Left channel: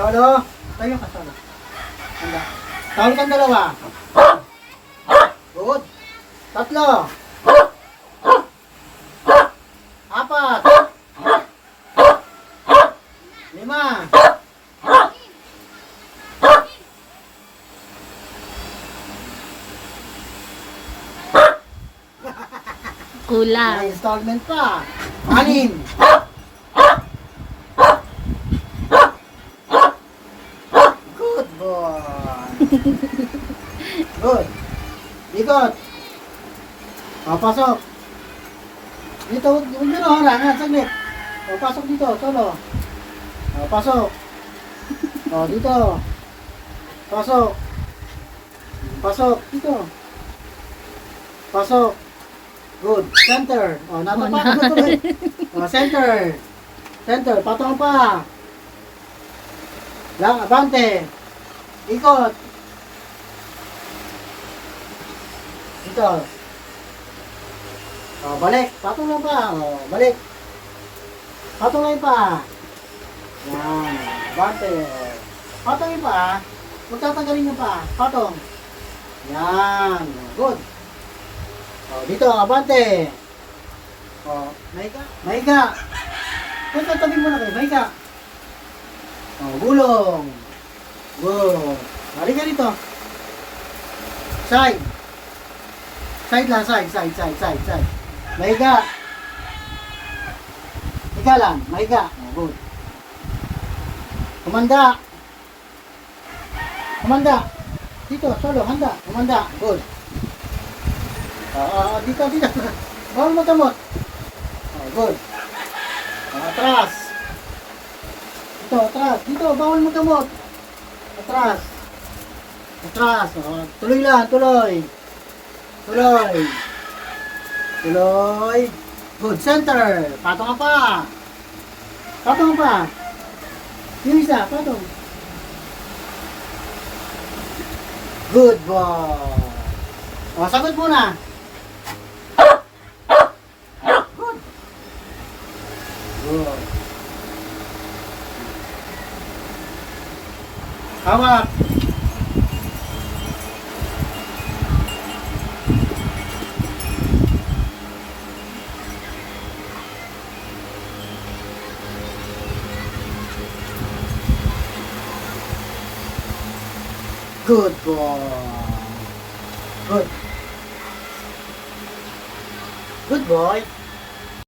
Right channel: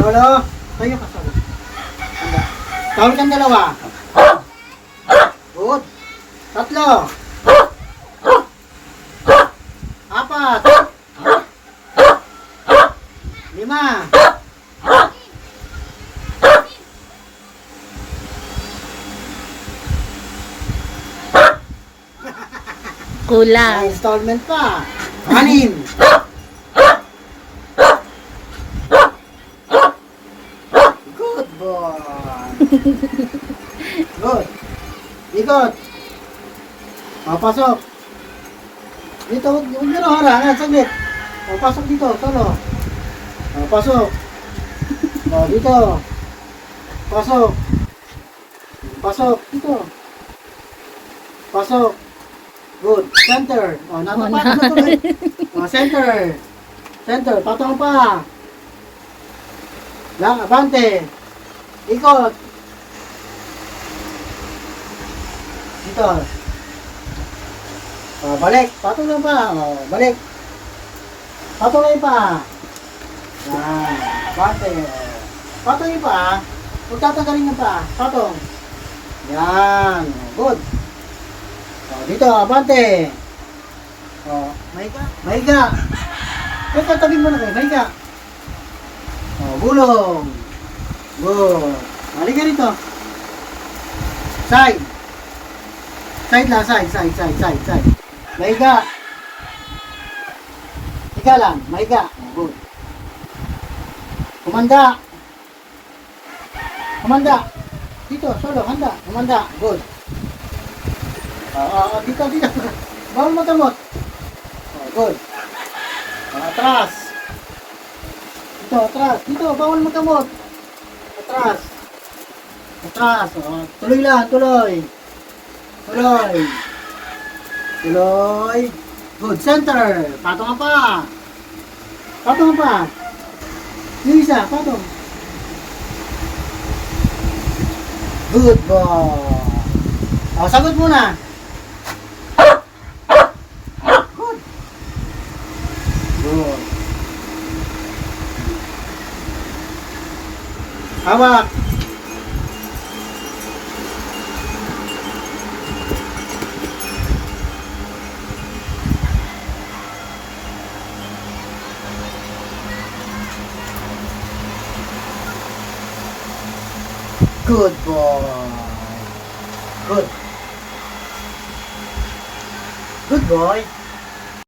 Solo. Tayo ka solo. Handa. Tawag kang dalawa. Good. Tatlo. Apat. Lima. Kulang. May installment pa. Anim. Good boy. Good. Ikot. Papasok. Dito, huwag nyo na harangan. Saglit. Papasok dito. Solo. Pasok. Dito. Pasok. Pasok. Dito. Pasok. Good. Center. Natapat na tuloy. Center. Center. Patong pa. Lang, abante. Ikot. Dito. Balik. Patuloy pa. Balik. Patuloy pa. Yan. Abante. Patuloy pa. Huwag tatanggalin nyo pa. Patong. Yan. Good. Dito, abante. Mahiga. Mahiga. Huwag tatagin mo na kayo. Mahiga. Gulong. Good. Balik ka dito. Side. Side lang, side. Mahiga. Higa lang, mahiga. Good. Kumanda. Kumanda. Dito, solo, handa. Kumanda. Good. Dito. Bawal magamot. Good. Atras. Dito, atras. Dito, bawal magamot. Atras. Atras. Tuloy lang, tuloy. Tuloy. Good. Center. Patong ka pa. Patong ka pa. Yung isa, patong. Good boy. Sagot muna. Good. Good. Hawak. Good boy. Good. Good boy.